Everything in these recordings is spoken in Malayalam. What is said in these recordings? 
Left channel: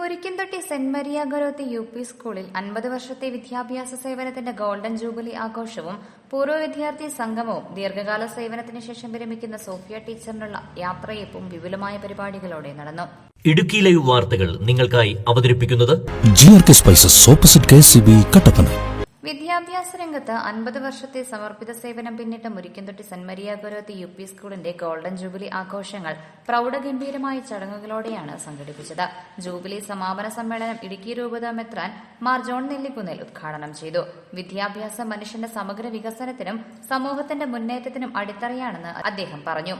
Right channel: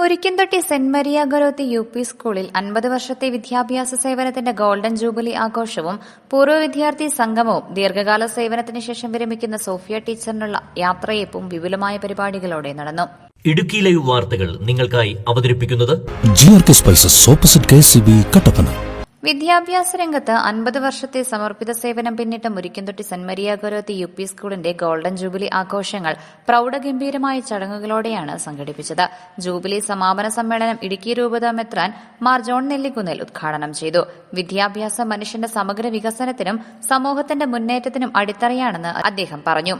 Murikkumthotti saint Maria Goretti UP സ്കൂളിൽ 50 വർഷത്തെ വിദ്യാഭ്യാസ സേവനത്തിന്റെ ഗോൾഡൻ ജൂബിലി ആഘോഷവും പൂർവ്വ വിദ്യാർത്ഥി സംഗമവും ദീർഘകാല സേവനത്തിന് ശേഷം വിരമിക്കുന്ന സോഫിയ ടീച്ചറിനുള്ള യാത്രയയപ്പും വിപുലമായ പരിപാടികളോടെ നടന്നു. ഇടുക്കി ലൈവ് വാർത്തകൾ നിങ്ങൾക്കായി അവതരിപ്പിക്കുന്നത് GRK spices opposite KCB Kattappana. വിദ്യാഭ്യാസ രംഗത്ത് 50 വർഷത്തെ സമർപ്പിത സേവനം പിന്നിട്ട Murikkumthotti saint Maria Goretti UP സ്കൂളിന്റെ ഗോൾഡൻ ജൂബിലി ആഘോഷങ്ങൾ പ്രൌഢഗംഭീരമായ ചടങ്ങുകളോടെയാണ് സംഘടിപ്പിച്ചത്. ജൂബിലി സമാപന സമ്മേളനം ഇടുക്കി രൂപത മെത്രാൻ മാർ ജോൺ നെല്ലിക്കുന്നിൽ ഉദ്ഘാടനം ചെയ്തു. വിദ്യാഭ്യാസം മനുഷ്യന്റെ സമഗ്ര വികസനത്തിനും സമൂഹത്തിന്റെ മുന്നേറ്റത്തിനും അടിത്തറയാണെന്ന് അദ്ദേഹം പറഞ്ഞു.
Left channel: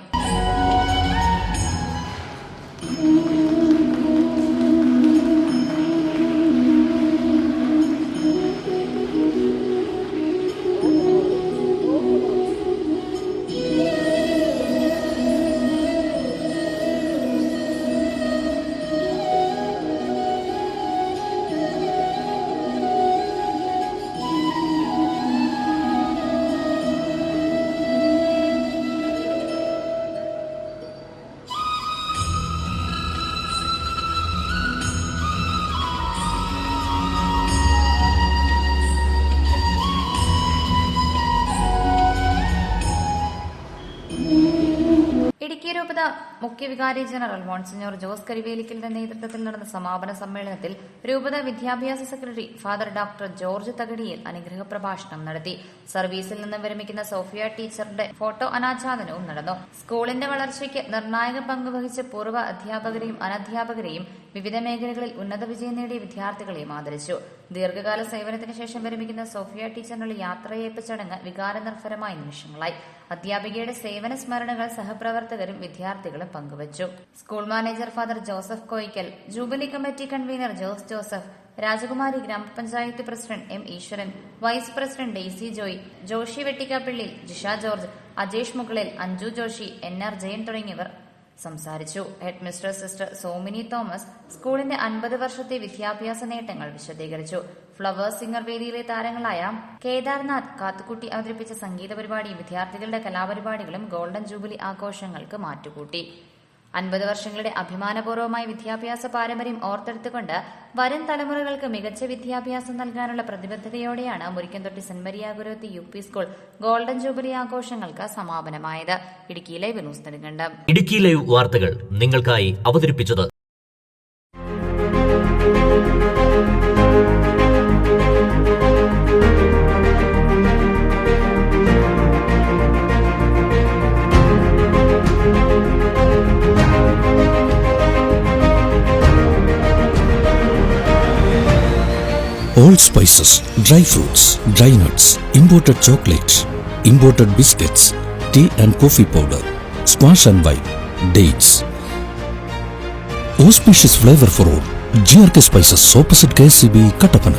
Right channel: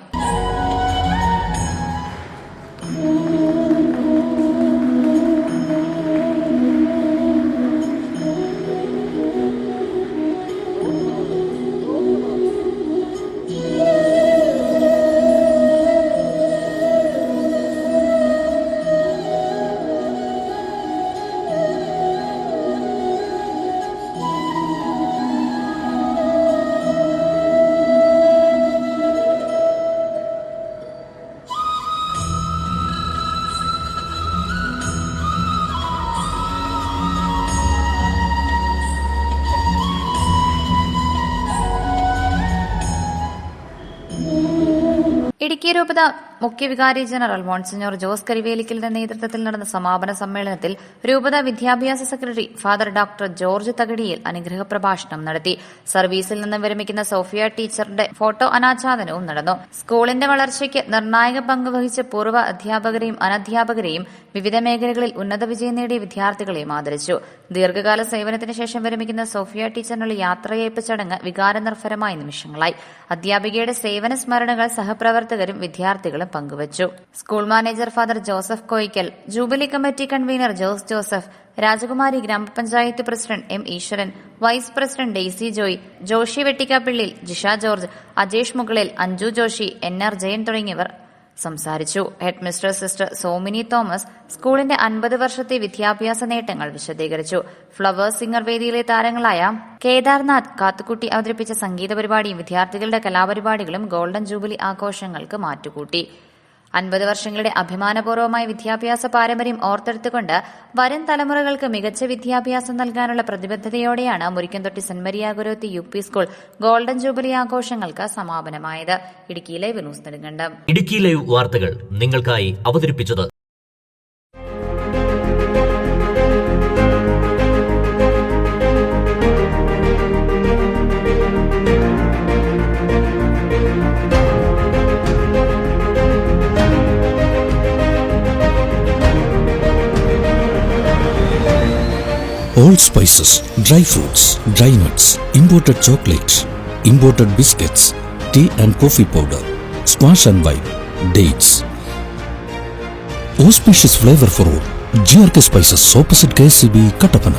ഇടുക്കി രൂപത മുഖ്യവികാരി ജനറൽ മോൺസിഞ്ഞോർ ജോസ് കരിവേലിക്കലിന്റെ നേതൃത്വത്തിൽ നടന്ന സമാപന സമ്മേളനത്തിൽ രൂപത വിദ്യാഭ്യാസ സെക്രട്ടറി ഫാദർ ഡോക്ടർ ജോർജ് തകടിയിൽ അനുഗ്രഹ പ്രഭാഷണം നടത്തി. സർവീസിൽ നിന്ന് വിരമിക്കുന്ന സോഫിയ ടീച്ചറുടെ ഫോട്ടോ അനാച്ഛാദനവും നടന്നു. സ്കൂളിന്റെ വളർച്ചയ്ക്ക് നിർണായക പങ്ക് വഹിച്ച പൂർവ്വ അധ്യാപകരെയും അനധ്യാപകരെയും വിവിധ മേഖലകളിൽ ഉന്നത വിജയം നേടിയ വിദ്യാർത്ഥികളെയും ആദരിച്ചു. ദീർഘകാല സേവനത്തിന് ശേഷം വിരമിക്കുന്ന സോഫിയ ടീച്ചറിനുള്ള യാത്രയയപ്പ് ചടങ്ങ് വികാരനിർഭരമായ നിമിഷങ്ങളായി. അധ്യാപികയുടെ സേവന സ്മരണകൾ സഹപ്രവർത്തകരും വിദ്യാർത്ഥികളും പങ്കുവച്ചു. School manager father Joseph Koyikkal, jubilee committee convener Jose Joseph, Rajakumari grama panchayat president M. Eswaran, vice president Daisy Joy, Joshy Vettikkappillil, Jisha George, Ajesh Mukalil, Anju Joshy, NR Jayan തുടങ്ങിയവർ സംസാരിച്ചു. Headmistress sister Somini Thomas സ്കൂളിന്റെ 50 വർഷത്തെ വിദ്യാഭ്യാസ നേട്ടങ്ങൾ വിശദീകരിച്ചു. ഫ്ലവേഴ്സ് സിംഗർ വേദിയിലെ താരങ്ങളായ കേദാർനാഥ് കാത്തുകുട്ടി അവതരിപ്പിച്ച സംഗീത പരിപാടിയും വിദ്യാർത്ഥികളുടെ കലാപരിപാടികളും ഗോൾഡൻ ജൂബിലി ആഘോഷങ്ങൾക്ക് മാറ്റുകൂട്ടി. 50 വർഷങ്ങളുടെ അഭിമാനപൂർവ്വമായ വിദ്യാഭ്യാസ പാരമ്പര്യം ഓർത്തെടുത്തുകൊണ്ട് വരും തലമുറകൾക്ക് മികച്ച വിദ്യാഭ്യാസം നൽകാനുള്ള പ്രതിബദ്ധതയോടെയാണ് Murikkumthotty saint Maria Goretti UP school golden jubilee ആഘോഷങ്ങൾക്ക് സമാപനമായത്. Idukki live news Nedumkandam. Idukki live വാർത്തകൾ നിങ്ങൾക്കായി അവതരിപ്പിച്ചത് All spices, dry fruits, dry nuts, imported chocolates, imported biscuits, tea and coffee powder, squash and wine, dates. Auspicious flavor for all. GRK Spices opposite KCB Kattapana.